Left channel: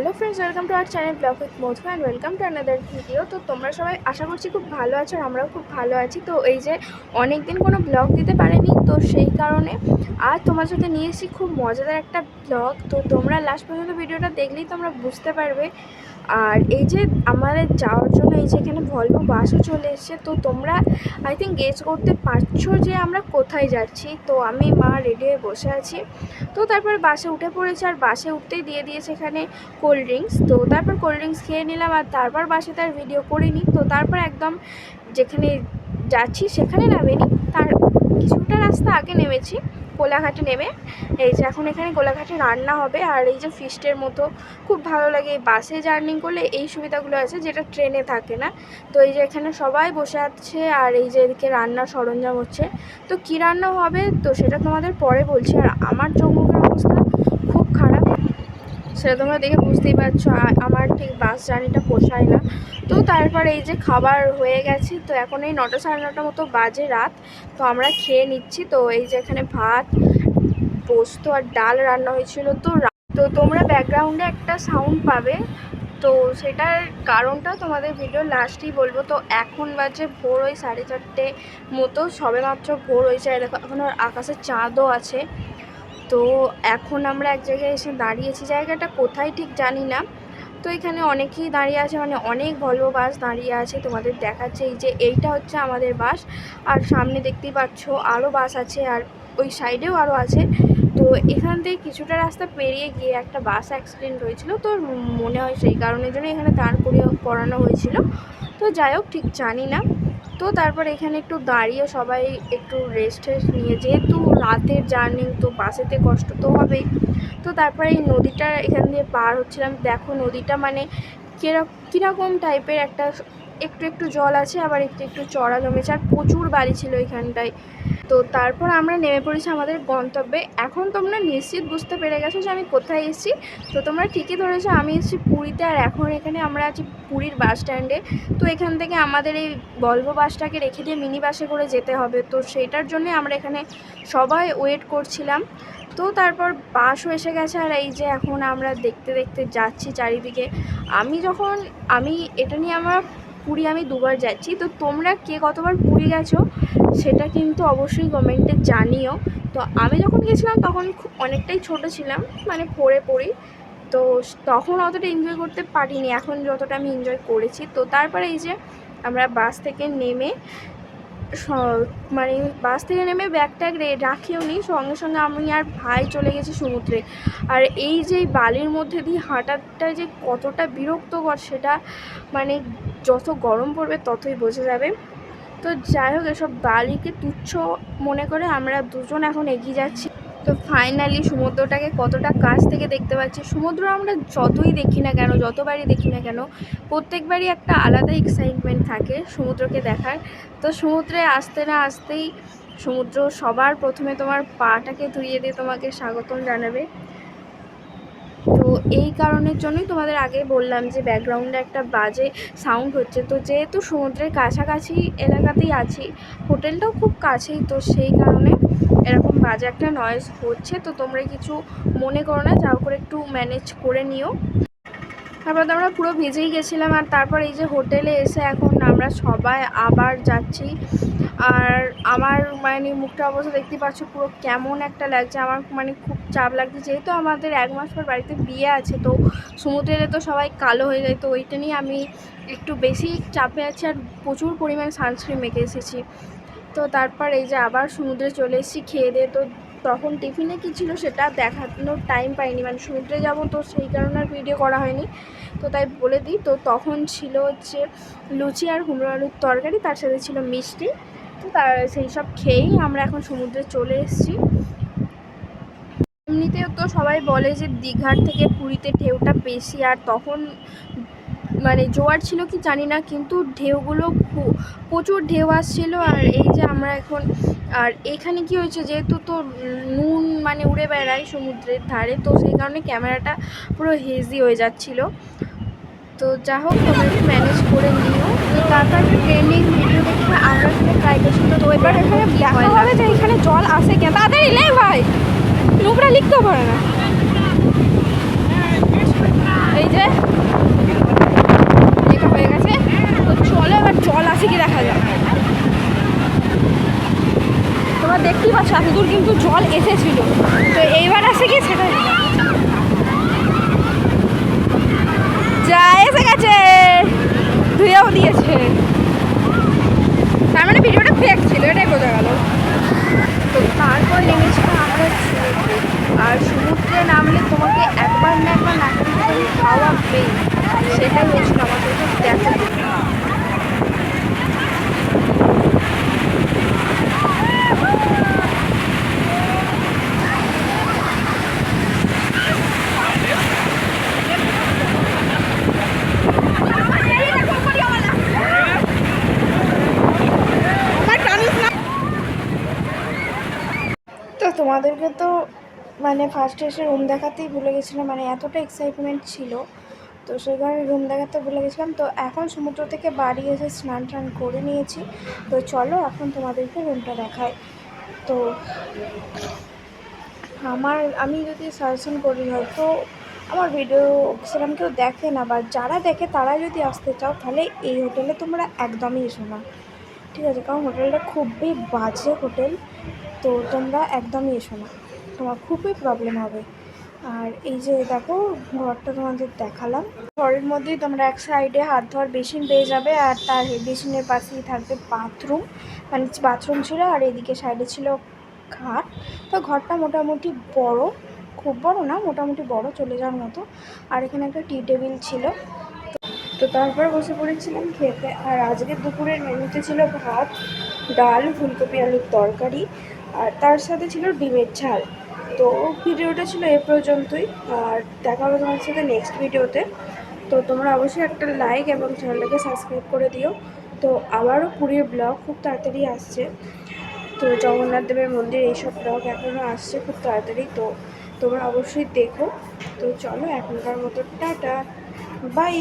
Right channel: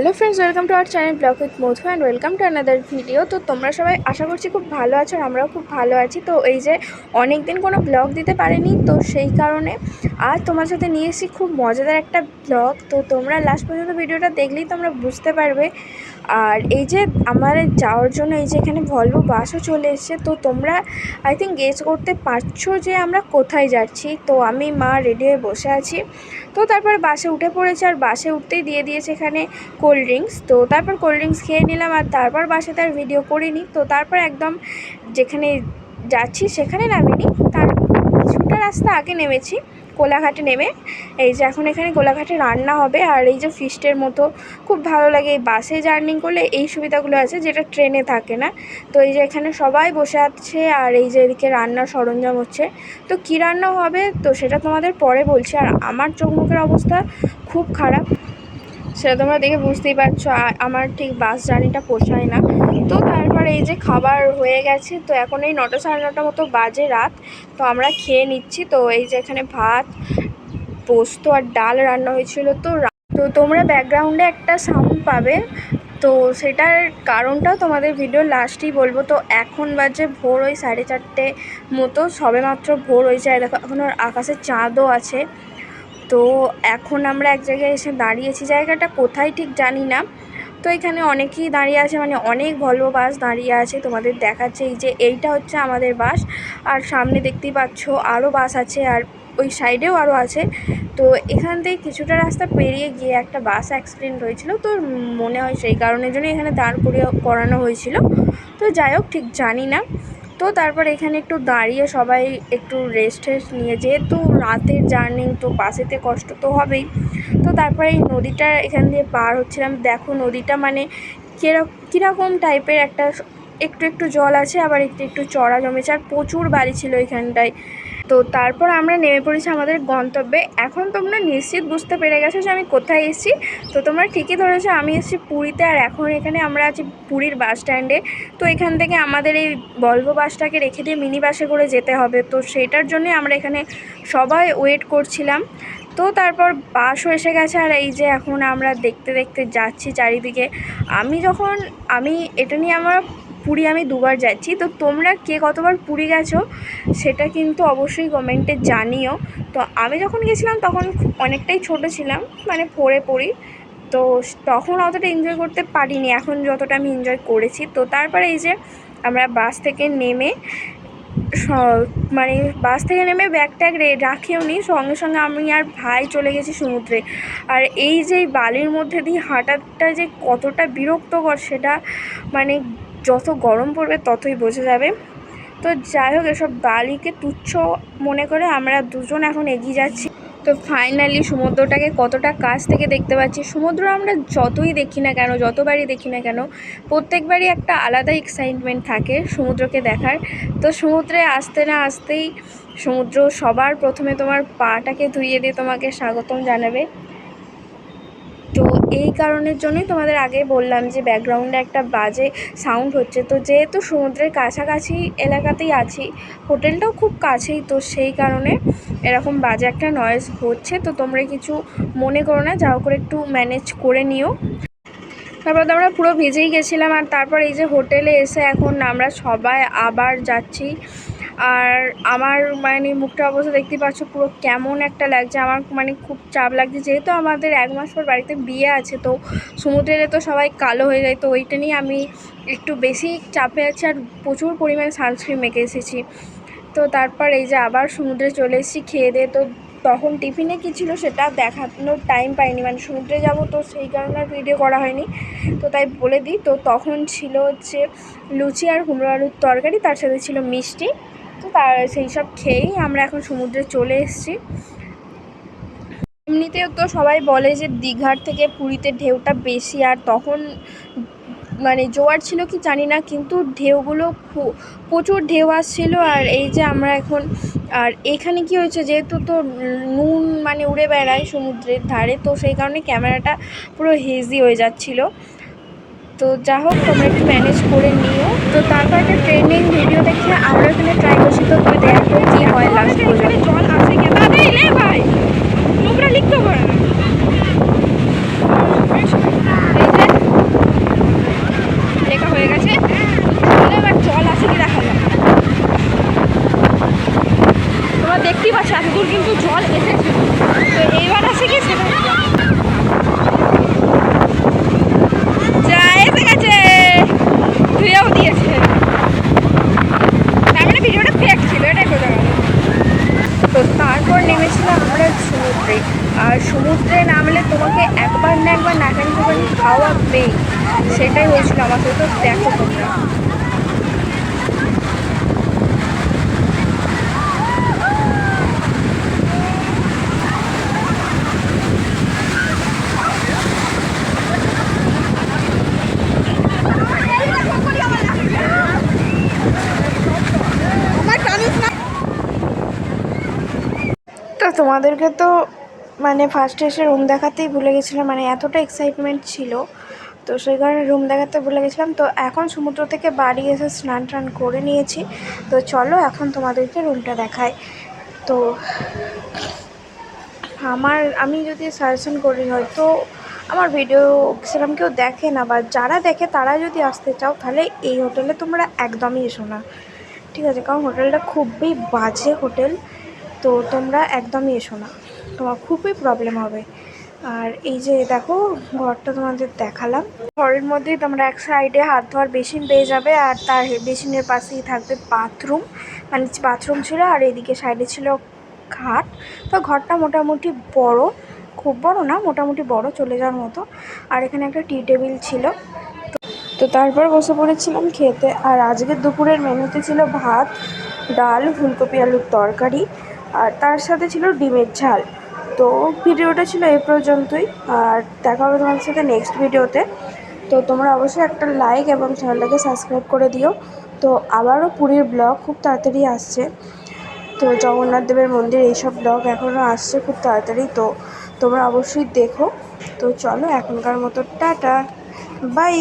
Hello friends welcome to our channel vlog with Madhu and welcome to another video তো তোমরা সবাই আশা করছি খুব ভালো আছো আর আমরাও খুব ভালো আছি। তো এই যে অনেক দিন কোনো ব্লগ দিতে পারেনি, তো সেই কারণে আর তোমার সাথে নিয়ে এসেছি খুব মজাদার একটা ব্লগ তো তোমরা লাস্ট পর্যন্ত ভিডিওটা দেখলেই তোমরা বুঝতে পারবে আর এই যে আমার যাওয়ার জন্য এই যে এখানে ভলভো বাসও চলে এসেছে, তো তোমরা আই থিঙ্ক গেস করতে পারছ যে আমরা কোথায় যাচ্ছি। তো আমি মা রেডি হয়ে বসে আছি। তো তারপর বাসে উঠে পড়েছে আর বাসে উঠতেই দিয়ে দিয়েছে এখানে কোল্ড ড্রিঙ্কস তো তারপর কোল্ড ড্রিঙ্কস খেয়ে নিলাম আর তারপর বাসে তার ভিডিও করিনি। তো তারপর একদম যেখানে যাচ্ছি সেখানে নামিনি। তার কিছুটা রাস্তা আগে নেমেছি। কোলাঘাটে নেমে, এই যে এখন এখানে কোলাঘাটে রান্না হবে আর এই যে ফিস্টের মতো খুব ভালো লাগে। এই বাসে জার্নি করলে এই সুবিধাগুলো আছে যেটা ট্রেনে থাকে না। তো এই যে এখানে সবাই বসে আছে আর এই যে এদিকে রান্নার সরঞ্জাম হচ্ছে। তো কী রান্না হবে তো সেটা তোমাদের পরে বলছি। আর আমার চোখ মুখের অবস্থা খুব খারাপ। সেটা তোমরা দেখে বুঝতেই পারছ আমার ঠিক বাস জার্নিটা পোষায় না। তো তারপর এই যে খাবার হয়ে গেছে, তো এখন এই নটা সাড়ে নটা মতো বাজে রাত, তো আমরা খেয়ে নিচ্ছি। তো এই যে এখানে ভাত, পোস্ত আর ডাল রান্না হয়েছিল। তো তো তোমরা ব্যাকগ্রাউন্ডে একটা সাউন্ড পাবে। তো সেটার কারণটাও তোমাদের ভিডিও লাস্টেই বলব। তো এখন বাজে ভোর ওই সাড়ে চারটে মতো, সবেমাত্র ভোর হয়েছে। দেখো, এখন আর আকাশে চাঁদও আছে। তো এখন আমরা এক জায়গায় এসে দাঁড়িয়েছি। জায়গাটা কোথায় ঠিক জানি না। তো এখানে অনেকেই দাঁড়িয়ে আছে মানে অনেক ভলভো বাস দাঁড়িয়ে আছে। তোমাদের দেখাচ্ছে এই যে এইটা হচ্ছে আমাদের বাস আর সামনে দেখতেই পাচ্ছ আরও বাস আছে আর ওই সাইডেও আরও আছে। তো এখান থেকে কিছুটা রাস্তা পেরিয়ে গিয়ে একটা বাস অ্যাক্সিডেন্ট হয়েছিল। তো মনে হয় সেই কারণের জন্য এখানে দাঁড় করিয়ে করানো হয়েছিল। তো যাই হোক, ঠিক জানি না। তো তারপর এখানে একটু দাঁড়িয়ে সবাই একটু রেস্ট টেস্ট নিয়ে, যেহেতু রাতের জার্নি তো বাসেতে কষ্ট তো হবেই। তো তারপরে এই নদীটা এখান দিয়ে পার হচ্ছিলাম। দেখো নদীটা মানে কীরকম কীরকম টাইপের একটা একটু একটু জল আছে, আবার একটু একটু চড়া জমেছে, আর প্রচুর বাড়ি ছিল এখানটায়। তো তারপর আমরা নেমে পড়েছি আমাদের গন্তব্যে। এখন তোমরা নিশ্চিত বুঝতে পেরে গেছো যে আমি কোথায় এসেছি। তো তোমরা ঠিকই ধরেছো, আমি এসেছি পুরীতে, আর এখন এখানে আমরা আছি পুরীর বাস স্ট্যান্ডে। তো এখান থেকে আমাদের এই ভলভো বাসটাকে রেখে দিয়ে মিনি বাসে করে যেতে হবে। তো সেটার জন্যই আমরা এখানে সবাই ওয়েট করছিলাম। তো তারপর বাসও এসে গেছে, আর এই যে এখন আমরা দেখতে দেখতে যাচ্ছি চারিদিকে। আমি যখন, আমি এটা নিয়ে আমার পুরী আমি দুবার যাচ্ছি। তো তোমরা কে কতবার পুরী গেছো সেটা কিন্তু অবশ্যই কমেন্টে জানিও। তো আমি যখন গেছিলাম তখন খুব অনেকটাই ছোট ছিলাম মানে পড়ে পড়ি। তো তখন অতটা এনজয় করতে পারিনি, এখন যতটা আমি এনজয় করেছি। তো তারপরে এই যে আমরা বাস থেকে নেমে মানে বাস থেকে নেমে ব্যাগ ট্যাগ রাখিও নি। সঙ্গে সঙ্গে আমি আর ভাই চলে গেছি সমুদ্রে। আর এই যে বালির মধ্যে দিয়ে হাঁটাটা যে কতটা বিরক্তকর সেটা মানে যত গরম পড়বে ততই বোঝা যাবে। তো যাই হোক, এসব বালিকে তুচ্ছ মনে করে আমরা দুজন এখন এগিয়ে যাচ্ছি। তো ফাইনালি সমুদ্রটাকে কতটা কাছ থেকে দেখতে পাচ্ছি? সমুদ্র আমরা যতই দেখি না কেন, যতবারই দেখি না কেন, প্রত্যেকবারই একটা আলাদা এক্সাইটমেন্ট থাকে সমুদ্রকে দেখার। তো সমুদ্রে আসতে না আসতেই সমুদ্র সবার প্রথমে তোমার পাটাকে ধুইয়ে দিয়ে তোমাকে স্বাগতম জানাবে। এই কারণের জন্যই তোমাদের আগে বললাম যে ব্যাকগ্রাউন্ডে একটা বাজে সাউন্ড হচ্ছে। তো যেহেতু সমুদ্রের কাছাকাছি এলাকাতেই আছি, হোটেলটাও খুব কাছেই, তো সেই কারণে এরকম বাজে একটা নয়েজ হচ্ছে। তো তোমরা কিছু মনে করো না, যাও করে একটু ম্যানেজ করে নিও। তারপর তো আমরা পুরো ভিজেই গেছিলাম আর তারপর এই যে হোটেলে এসে এখন আমরা সবাই আবার যাচ্ছি। আর আমার মানে মুখটা অবস্থা দেখতে পাচ্ছ পুরো কেমন একটা লাগছে। আমার মানে খুব চাপ লাগছে। যেহেতু আমাদের এক মাস পর বাড়িতে বিয়ে আছে, তো সমুদ্রে তো সবাই কালো হয়ে যায়, তো ওইটা নিয়ে আমি একটু বেশি চাপে আছি আর প্রচুর পরিমাণে সানস্ক্রিন মেখে এসেছি। তো তারপর এই যে আবার সমুদ্রে চলে এসেছি, খেয়ে দিয়ে তো তখন টিফিনে কী ছিল সেটা দেখানোর টাইম পাইনি। মানে সমুদ্রে যাব তো সেই কারণে আর ভিডিও করা হয়নি। তো তাই বলে দিই, তো তখন ছিল হচ্ছে লুচি আর কুমড়ো আলুর তরকারি, তার সাথে ছিল মিষ্টি। তো তার সেই সব খেয়েই আমরা এখন সমুদ্রে চলে এসেছি। এমনিতেও তো সবাই বলে যে দীঘার থেকে পুরীতে ঢেউটা বেশি, আর তখন মানে জোয়ার ছিল কি জানি না, কিন্তু ঢেউগুলো প্রচুর ঢেউ আসছিল আর এই যে আমরা এখন, আর এখানে কি হয়েছে যেহেতু তো নুন মানে উড়ে বেড়ায় সমুদ্রের ধারে, তো সেই কারণে ক্যামেরাটা পুরো হেজি হয়ে যাচ্ছিল। তো যা হোক, তোমরা একটু ম্যানেজ করে নিও। তো তারপর একটা ট্রেন্ডিং ভিডিও দেখে আমরা এখানে ট্রাই করছি। তো তোমাদের। এখানে জল আসে কেন ভাই। নোংরা লিখতে পারে না এই যে পাচ্ছ এতদূর কিন্তু জল এসেছিল। তো এইবার আছে কি যা এসে গেছে। ধুয়েও দিয়েছে। তার মানে ভিডিওটা ফেক ছিল, এটাই বোঝা গেল। তো তারপর নেমেছিলাম আমরা সমুদ্রে। আর সমুদ্রে নামলে তোমাকে একবার না একবার নাকানি করে খাওয়াবে সেটাই হয়েছিল আমার সাথে তো দেখো তোমরা আমার টানিস না তো তোমাদেরকে তো মানে ফার্স্টে এসে রুম দেখাতেই ভুলে গেছিলাম মানে এতটা এক্সাইটমেন্ট ছিল। তো সেই কারণে রুম দেখাতে ভুলে গেছিলাম। তো এখন সমুদ্র থেকে বাড়ি এসে স্নান টান করে নিয়েছি। তো চলো এখন তোমাদেরকে রুমটা দেখাই। তো আমার, আমি যদি সাজেশন করি, হয়তো আমার ভিডিও সেরকম কেউ দেখে না বা যারা দেখে তারা যদি আসতে চাও, তাহলে এই হোটেলে তোমরা একদমই এসো না। ঠিক আছে? কারণ হোটেলটা খুবই বাজে হোটেল তো তোমরা একদমই এসো না। তোমার খুবই প্রবলেম হবে। আর এই যে দেখো, ঘরটা তোমাদের দেখালাম। ঘরের মধ্যেই তোমরা এক সাইডে হাত ধোয়ার বেসিন পেয়ে যাবে আর তার বেসিনের পাশেই থাকবে বাথরুম মানে বাথরুম ছিল আর এদিকে সাইডে ছিল খাট। তো ঘরটা মোটামুটি বড়, খুব বড় না, মোটামুটি বড় চলে যাওয়ার মতো। আর এখানে একটা টি টেবিল ছিল। তো তারপর বসে পড়েছিলাম খেতে। আর আজকের দুপুরের মেনুতে ছিল ভাত, ডাল, ফুলকপি, আলুর তরকারি। আর তার সাথে ছিল ডিমের ঝাল। তো ভিডিওটা ছিল এ পর্যন্তই। আর দেখা হবে তোমার সাথে নেক্সট ভিডিওতে। তো তোমরা অবশ্যই একটা লাইক এবং চ্যানেলটাকে সাবস্ক্রাইব করে দিও। তো আবারও পুরীর ব্লগ খুব তাড়াতাড়ি আসছে। তো জগন্নাথ দেবের মন্দির এইসব ব্লগ এখনও আসছে খুব তাড়াতাড়ি। তো তোমরা অবশ্যই দেখো। তো চলো এখনকার মতো, টাটা। বাই